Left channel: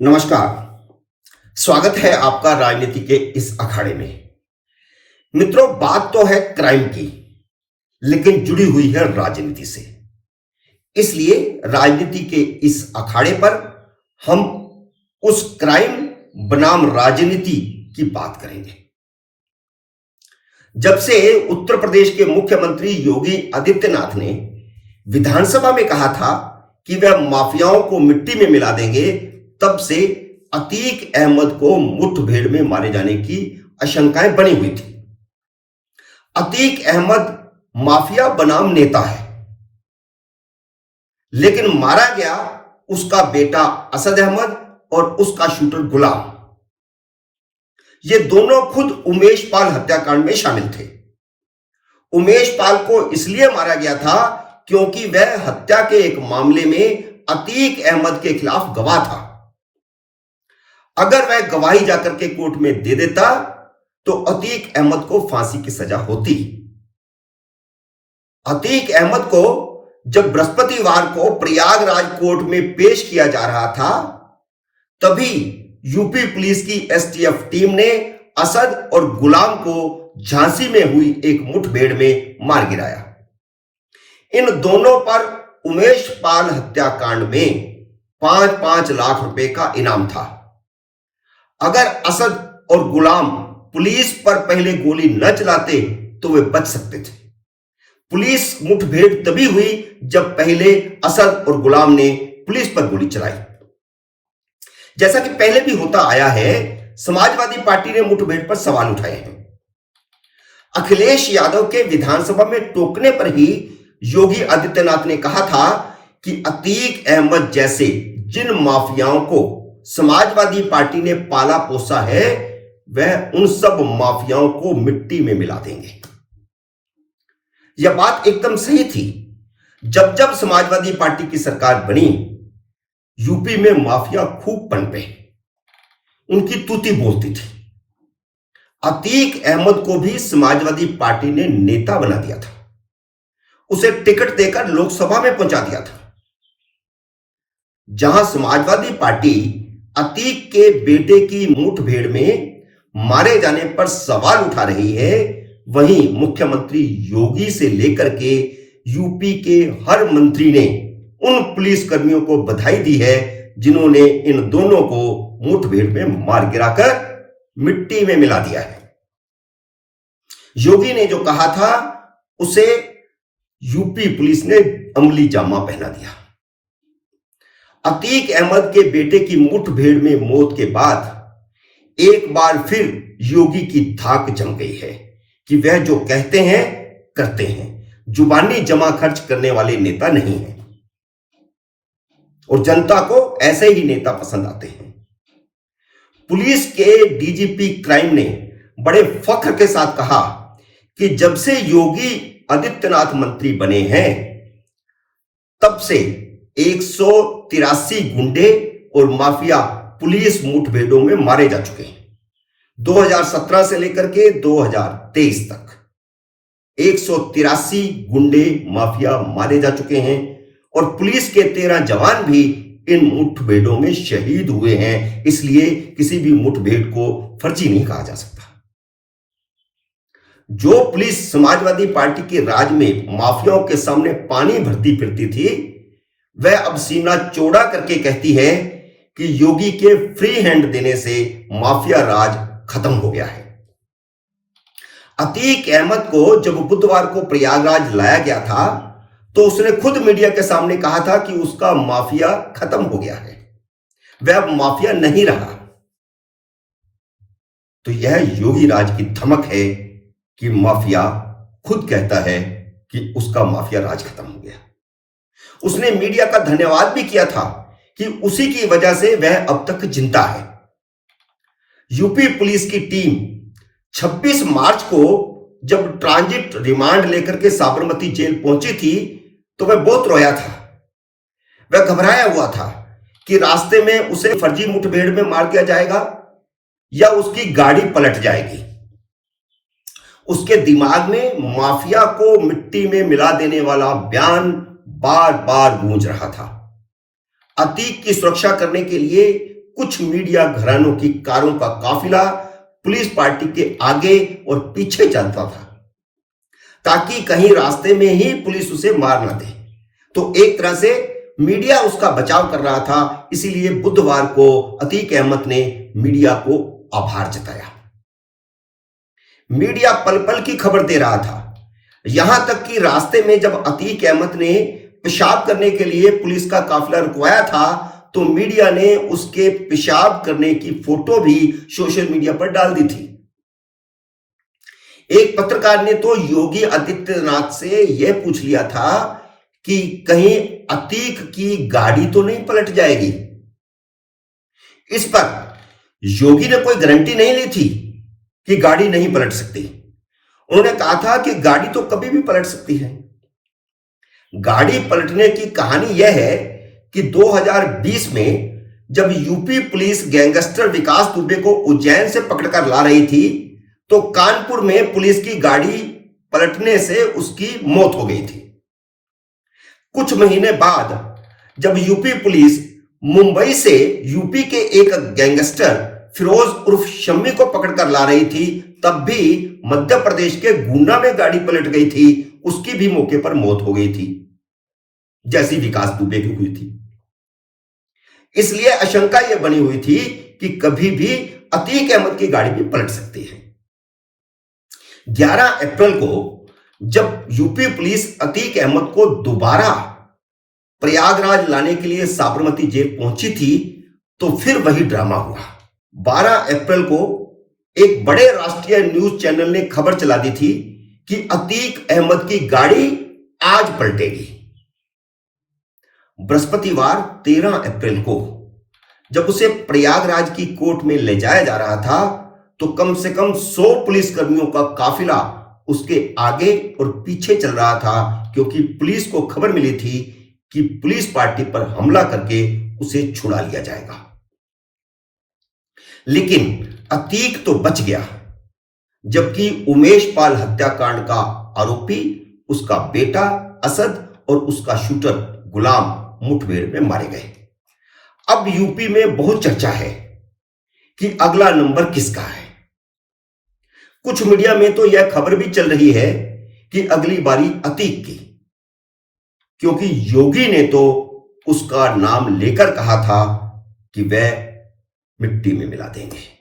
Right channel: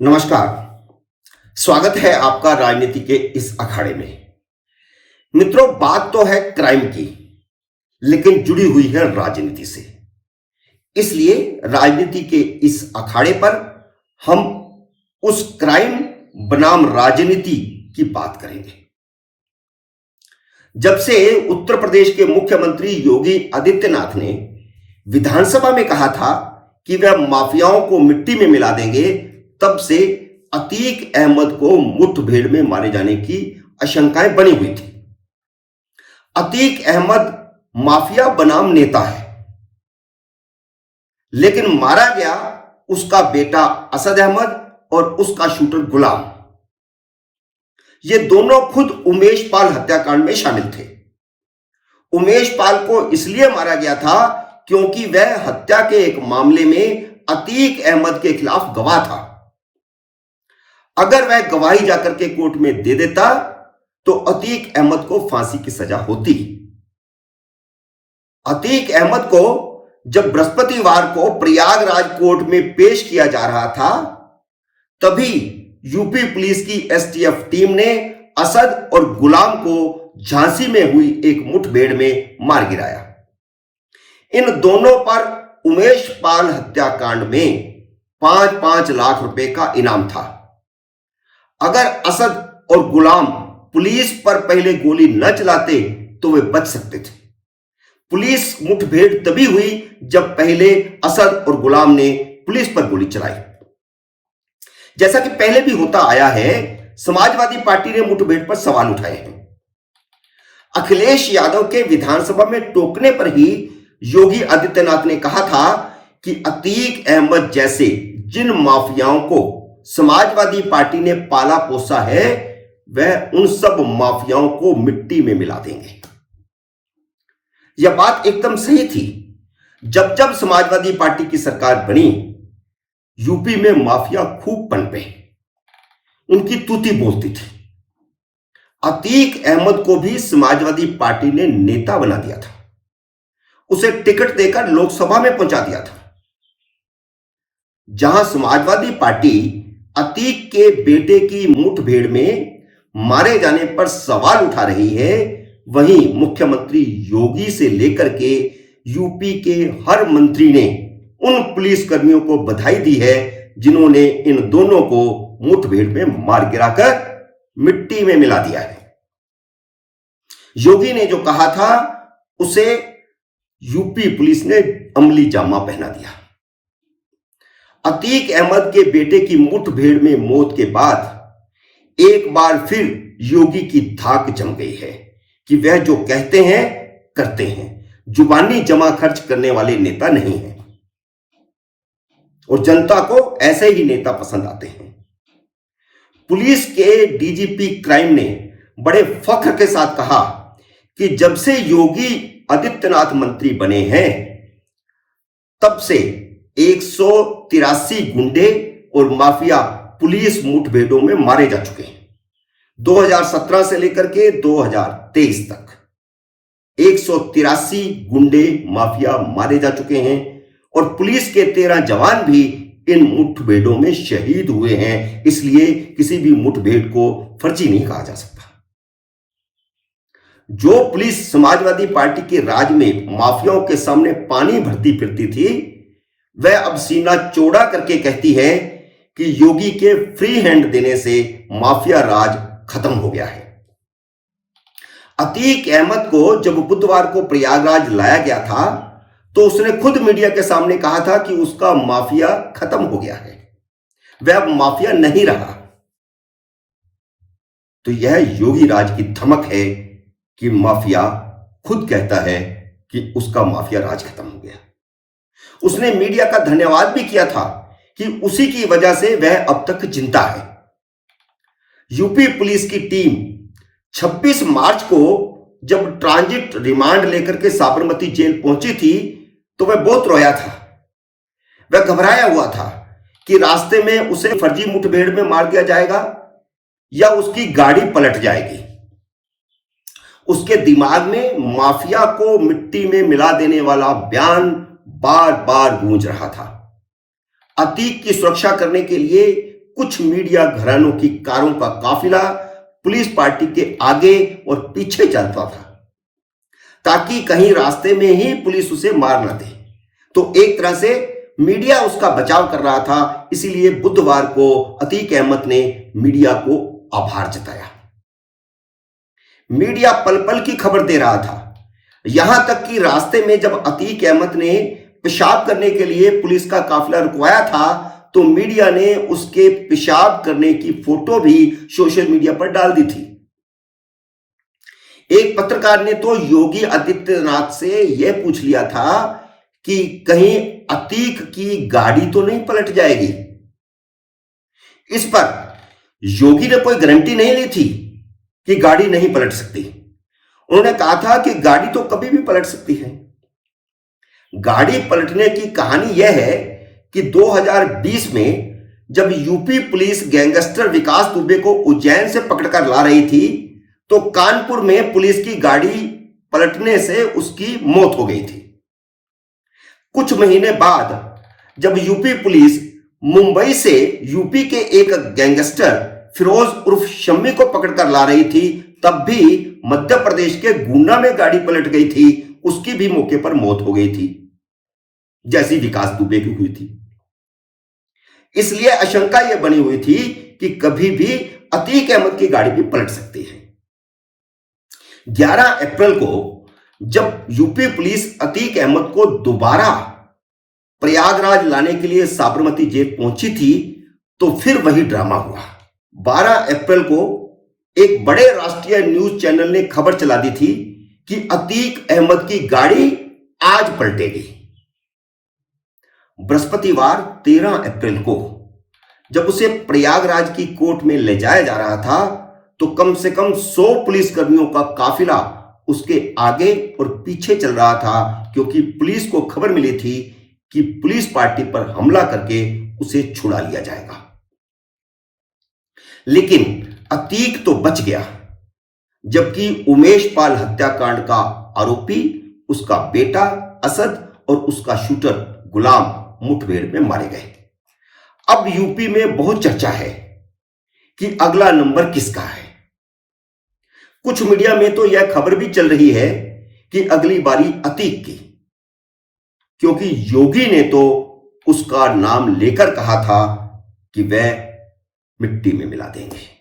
नमस्कार। स्वागत है आपका राजनीति के इस अखाड़े में। मित्रों, बात तो है क्राइम की, लेकिन जुड़ी हुई है राजनीति से। इसलिए राजनीति के इस अखाड़े पर हम उस क्राइम बनाम राजनीति की बात करेंगे। जब से उत्तर प्रदेश के मुख्यमंत्री योगी आदित्यनाथ ने विधानसभा में कहा था कि वह माफियाओं को मिट्टी में मिला देंगे, तब से अतीक अहमद को मुठभेड़ में मारे जाने की आशंकाएं बनी हुई थी। अतीक अहमद माफिया बनाम नेता है, लेकिन मारा गया उसका बेटा असद अहमद और उसका शूटर गुलाम। ये दोनों खुद उमेश पाल हत्याकांड में शामिल थे। उमेश पाल को इसलिए मारा गया था क्योंकि वह हत्या के एक मामले में अतीक अहमद के खिलाफ गवाह था। अगर वह गवाही जाकर के कोर्ट में दे देता तो अतीक अहमद को फांसी की सजा होती। अतीक अहमद को जब बृहस्पतिवार को प्रयागराज कोर्ट में पेश किया जा रहा था, तभी यूपी पुलिस की एसटीएफ टीम ने असद और गुलाम को झांसी में हुई एक मुठभेड़ में मार गिराया। इन दोनों पर उमेश पाल हत्याकांड में 5-5 लाख रुपए का इनाम था। अगर असद और गुलाम पुलिस पर पहले गोली न चलाते तो वे बच सकते थे। पुलिस मुठभेड़ तभी हुई जब पहले असद और गुलाम ने पुलिस पर गोली चलाई। जैसा कि पहले भी होता आया है, समाजवादी पार्टी ने मुठभेड़ पर सवाल उठाए हैं। अखिलेश यादव के विधानसभा में टोकने पर ही योगी आदित्यनाथ ने कहा था कि अतीक अहमद जैसे जिन माफियाओं को समाजवादी पार्टी ने पाला पोसा है, वह उन सब माफियाओं को मिट्टी में मिला देंगे। यह बात एकदम सही थी। जब जब समाजवादी पार्टी की सरकार बनी, यूपी में माफिया खूब पनपे, उनकी तूती बोलती थी। अतीक अहमद को भी समाजवादी पार्टी ने नेता बना दिया था, उसे टिकट देकर लोकसभा में पहुंचा दिया था। जहां समाजवादी पार्टी अतीक के बेटे की मुठभेड़ में मारे जाने पर सवाल उठा रही है, वहीं मुख्यमंत्री योगी से लेकर के यूपी के हर मंत्री ने उन पुलिसकर्मियों को बधाई दी है जिन्होंने इन दोनों को मुठभेड़ में मार गिराकर मिट्टी में मिला दिया है। योगी ने जो कहा था उसे यूपी पुलिस ने अमली जामा पहना दिया। अतीक अहमद के बेटे की मुठभेड़ में मौत के बाद एक बार फिर योगी की धाक जम गई है कि वह जो कहते हैं करते हैं, जुबानी जमा खर्च करने वाले नेता नहीं हैं और जनता को ऐसे ही नेता पसंद आते हैं। पुलिस के डीजीपी क्राइम ने बड़े फख्र के साथ कहा कि जब से योगी आदित्यनाथ मंत्री बने हैं, तब से 183 गुंडे और माफिया पुलिस मुठभेड़ों में मारे जा चुके हैं। 2017 से लेकर के 2023 तक 183 गुंडे माफिया मारे जा चुके हैं और पुलिस के 13 जवान भी इन मुठभेड़ों में शहीद हुए हैं। इसलिए किसी भी मुठभेड़ को फर्जी नहीं कहा जा सकता। जो पुलिस समाजवादी पार्टी के राज में माफियाओं के सामने पानी भरती फिरती थी, वह अब सीना चौड़ा करके कहती है कि योगी के फ्री हैंड देने से माफिया राज खत्म हो गया है। अतीक अहमद को जब बुधवार को प्रयागराज लाया गया था, तो उसने खुद मीडिया के सामने कहा था कि उसका माफिया खत्म हो गया है, वह अब माफिया नहीं रहा। तो यह योगी राज की धमक है कि माफिया खुद कहता है कि उसका माफिया राज खत्म हो गया। उसने मीडिया का धन्यवाद भी किया था कि उसी की वजह से वह अब तक जिंदा है। यूपी पुलिस की टीम 26 मार्च को जब ट्रांजिट रिमांड लेकर के साबरमती जेल पहुंची थी, तो वह बहुत रोया था। वह घबराया हुआ था कि रास्ते में उसे फर्जी मुठभेड़ में मार दिया जाएगा या उसकी गाड़ी पलट जाएगी। उसके दिमाग में माफिया को मिट्टी में मिला देने वाला बयान बार बार गूंज रहा था। अतीक की सुरक्षा करने के लिए कुछ मीडिया घरानों की कारों का काफिला पुलिस पार्टी के आगे और पीछे चलता था ताकि कहीं रास्ते में ही पुलिस उसे मार ना दे। तो एक तरह से मीडिया उसका बचाव कर रहा था, इसीलिए बुधवार को अतीक अहमद ने मीडिया को आभार जताया। मीडिया पल पल की खबर दे रहा था, यहां तक कि रास्ते में जब अतीक अहमद ने पेशाब करने के लिए पुलिस का काफिला रुकवाया था तो मीडिया ने उसके पेशाब करने की फोटो भी सोशल मीडिया पर डाल दी थी। एक पत्रकार ने तो योगी आदित्यनाथ से यह पूछ लिया था कि कहीं अतीक की गाड़ी तो नहीं पलट जाएगी। इस पर योगी ने कोई गारंटी नहीं ली थी कि गाड़ी नहीं पलट सकती। उन्होंने कहा था कि गाड़ी तो कभी भी पलट सकती है। गाड़ी पलटने की कहानी यह है कि 2020 में जब यूपी पुलिस गैंगस्टर विकास दुबे को उज्जैन से पकड़कर ला रही थी तो कानपुर में पुलिस की गाड़ी पलटने से उसकी मौत हो गई थी। कुछ महीने बाद जब यूपी पुलिस मुंबई से यूपी के एक गैंगस्टर फिरोज उर्फ शम्मी को पकड़कर ला रही थी तब भी मध्य प्रदेश के गुना में गाड़ी पलट गई थी, उसकी भी मौके पर मौत हो गई थी जैसी विकास दुबे की हुई थी। इसलिए आशंका यह बनी हुई थी कि कभी भी अतीक अहमद की गाड़ी भी पलट सकती है। 11 अप्रैल को जब यूपी पुलिस अतीक अहमद को दोबारा प्रयागराज लाने के लिए साबरमती जेल पहुंची थी तो फिर वही ड्रामा हुआ। 12 अप्रैल को एक बड़े राष्ट्रीय न्यूज चैनल ने खबर चला दी थी कि अतीक अहमद की गाड़ी आज पलटेगी। बृहस्पतिवार 13 अप्रैल को जब उसे प्रयागराज की कोर्ट में ले जाया जा रहा था तो कम से कम 100 पुलिसकर्मियों का काफिला उसके आगे और पीछे चल रहा था, क्योंकि पुलिस को खबर मिली थी कि पुलिस पार्टी पर हमला करके उसे छुड़ा लिया जाएगा। लेकिन अतीक तो बच गया, जबकि उमेश पाल हत्याकांड का आरोपी उसका बेटा असद और उसका शूटर गुलाम मुठभेड़ में मारे गए। अब यूपी में बहुत चर्चा है कि अगला नंबर किसका है। कुछ मीडिया में तो यह खबर भी चल रही है कि अगली बारी अतीक की, क्योंकि योगी ने तो उसका नाम लेकर कहा था कि वह मिट्टी में मिला देंगे।